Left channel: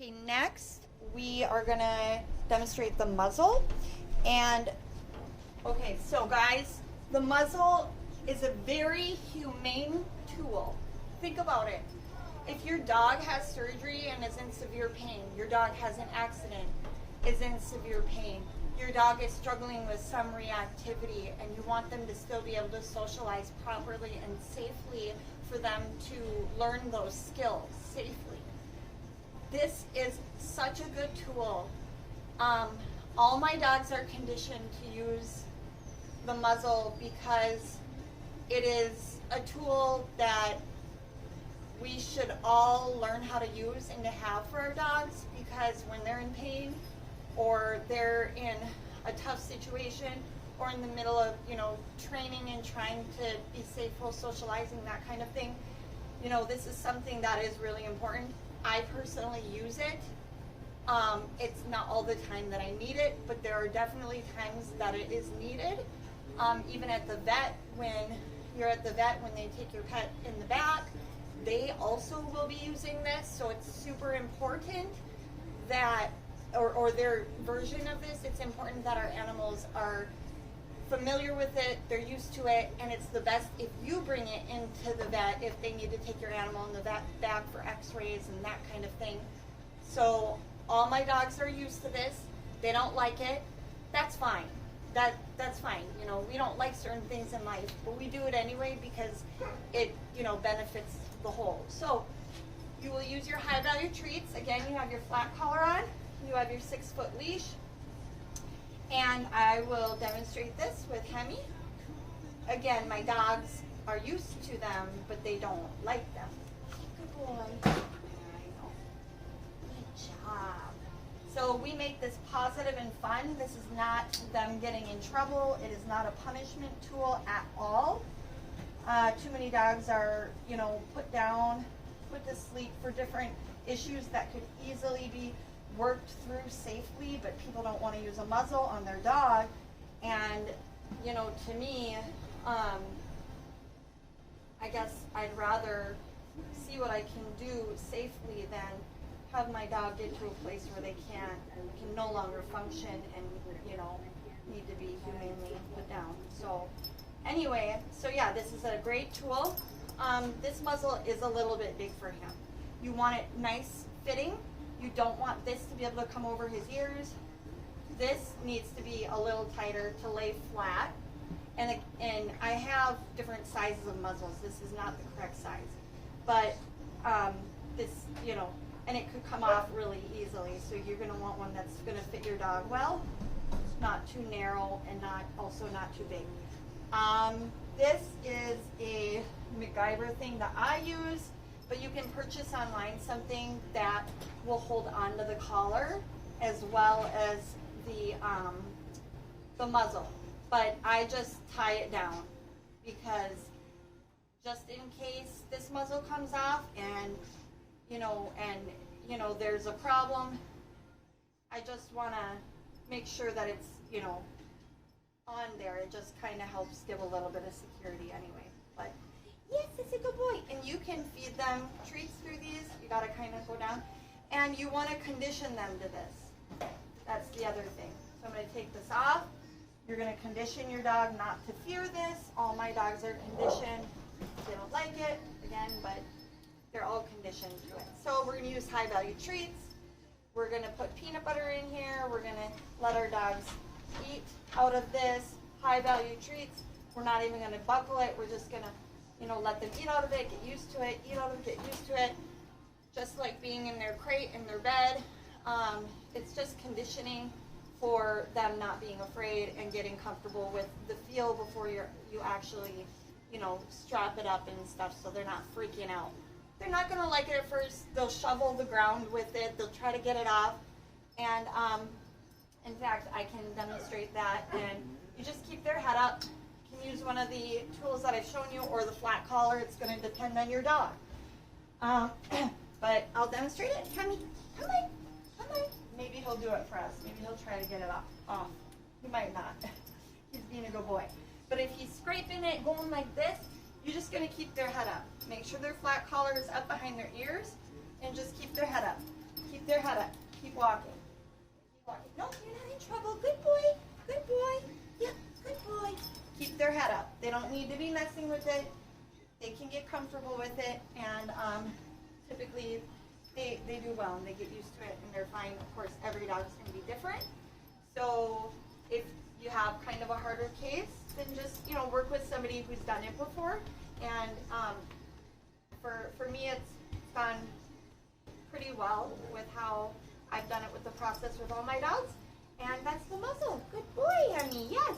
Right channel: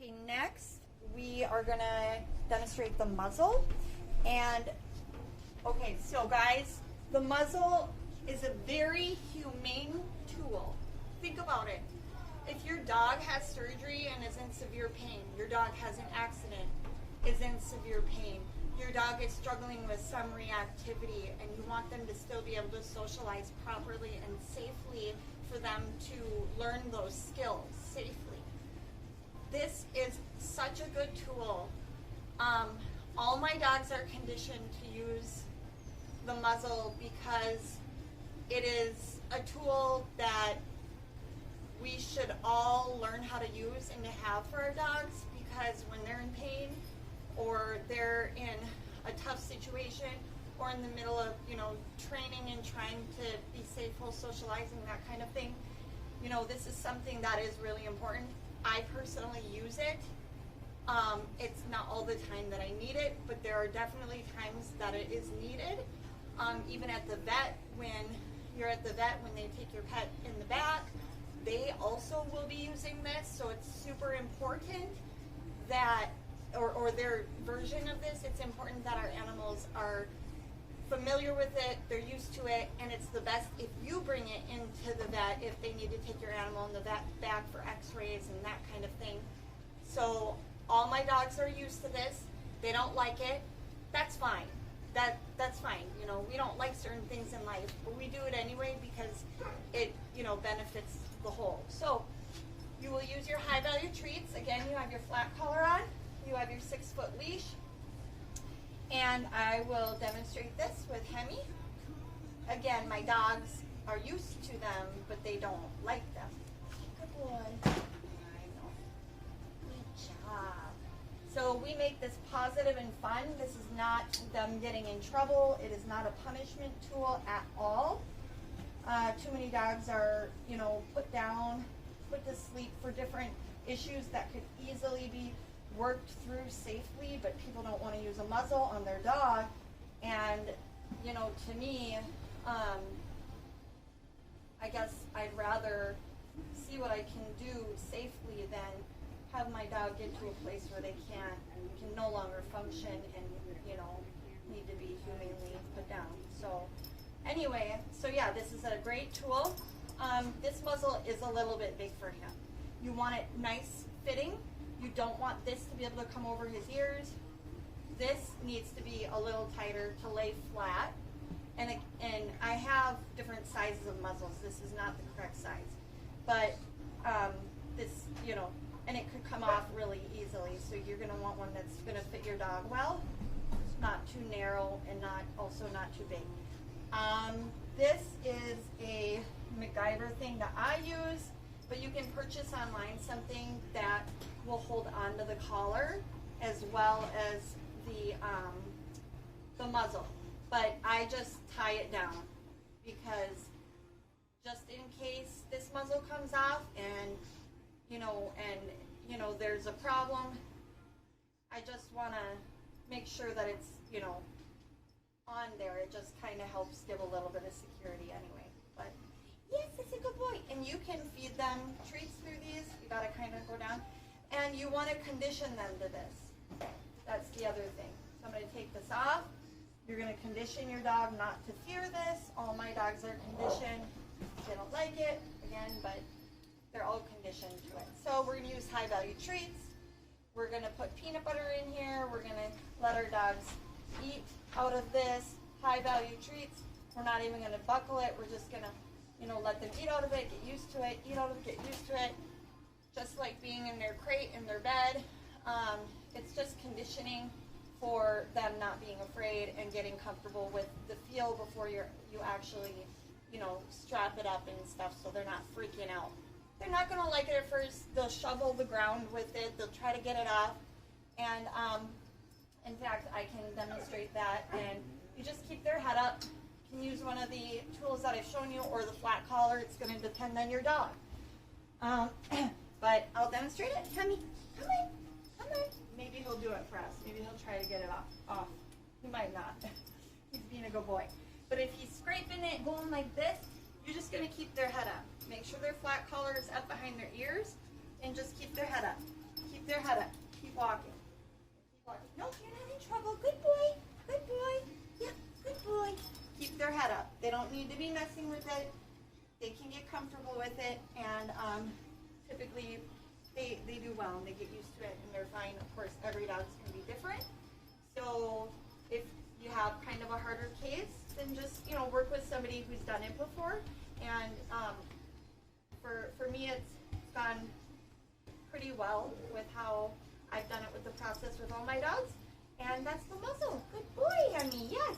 Okay, next we are gonna demonstrate the muzzle. And okay, so guys, the muzzle is a very humane tool. Think about it. If your dog has surgery and is in severe pain, your dog has an accident, is in severe pain, your dog is struggling with some reactivity, and you want them to still be able to socialize properly and safely for them to learn those skills safely. This is such a good tool. All my dogs are conditioned to use the muzzle because it is a tool that we should all learn how to use and to have for our dogs, because when they're in pain or they're in a tough situation or in the middle of, training and trying to be safe while socializing, that kind of thing, this is something that is really important. I personally use it. It's not all the time that I need it, but there are definitely times that it is needed. Even at the vet, when you're at the vet, when they take your pet in the back, they also will be using this. So it's super important that, or their version of this, it's important that our animals are familiar with it, they're used to it, and it's the best if you bring it into the vet if they need to take your animal in the vet back for x-rays and that kind of thing. So all my dogs are used to this. They don't like it. That's fine. That's fine. We don't like certain things in life, but we do it anyway because it, benefits the whole. So you will use your high value treats. Again, you have your flat collar on. You have your 6-foot leash. And I will demonstrate this with Hemi. Again, my dogs are used to them, but they don't like them. Good boy. I know. Good job. So we make this positive and fun. This is not them getting in trouble. It is not a punishment tool at all. Too many dogs are, put down, put to sleep for different issues that could easily be worked through safely, but people don't want to use a muzzle on their dog. And to me, I guess I'd rather see what I can do safely than have my dog get to a place where they can no longer function and need to be humanely put down. So anyway, yeah, this is a great tool. This muzzle is a little bit big for him. You want it nice fitting. You don't want this to be able to come over his ears. This needs to be a little tighter to lay flat. And I have different sizes of muzzles. This is not the correct size. But this, and it could come off really easily. So you're going to want one that's going to fit your dog well. Not too narrow and also not too big. This is a MacGyver thing that I use. But you can purchase online something that will hold onto the collar as well as the muzzle. But I just tie it down because just in case this muzzle comes off and there's a problem, I just want to make sure that it's on there. It just kind of helps give a little bit of security anyway. But yes, it's a good boy. And you can feed them treats through these. You got to kind of go down. And you want to condition them to this. That's the other thing. So I'm going to take this off. You're going to condition your dog not to fear this. All my dogs are conditioned. They don't like it, again, but they're all conditioned to it. So we're going to use high value treats. We're going to put peanut butter in here. We're going to let our dogs eat out of this high value treats. We're not even going to buckle it. We're just going to let them eat out of it, get used to it, eat out of it, get used to it. Just like being in their crate, in their bed. It's just conditioning for them not being afraid and getting comfortable with the feel before you actually, strap it up and stuff, so they're not freaking out. They're not going to like it at first. They'll shovel the ground with it. They'll try to get it off. And in fact, I can demonstrate that. And you just keep their head up. You can use one of the tools that I've shown you or the flat collar. It's going to depend on your dog. But I'll demonstrate it. Come on. Maybe he'll do it for us. Maybe he'll try to get it off. He might not. He's being a good boy. But if he's scraping it, going like this, you're just going to keep their head up. Make sure their flat collar is up behind their ears and just keep their head up. Keep their head head up. Keep walking. Keep walking. No, you're not in trouble. Good boy. Good boy. Yeah, good boy. Keep their head up. They don't need to be messing with it. They can get comfortable with it, and typically they do well and they get used to it and they're fine. Of course, every dog's going to be different. So if you have kind of a harder case, then just work with somebody who's done it before. And for me, it's gone pretty well with how I've done it with the process with all my dogs. And that's the Muzzle. Good boy, honey. Yes.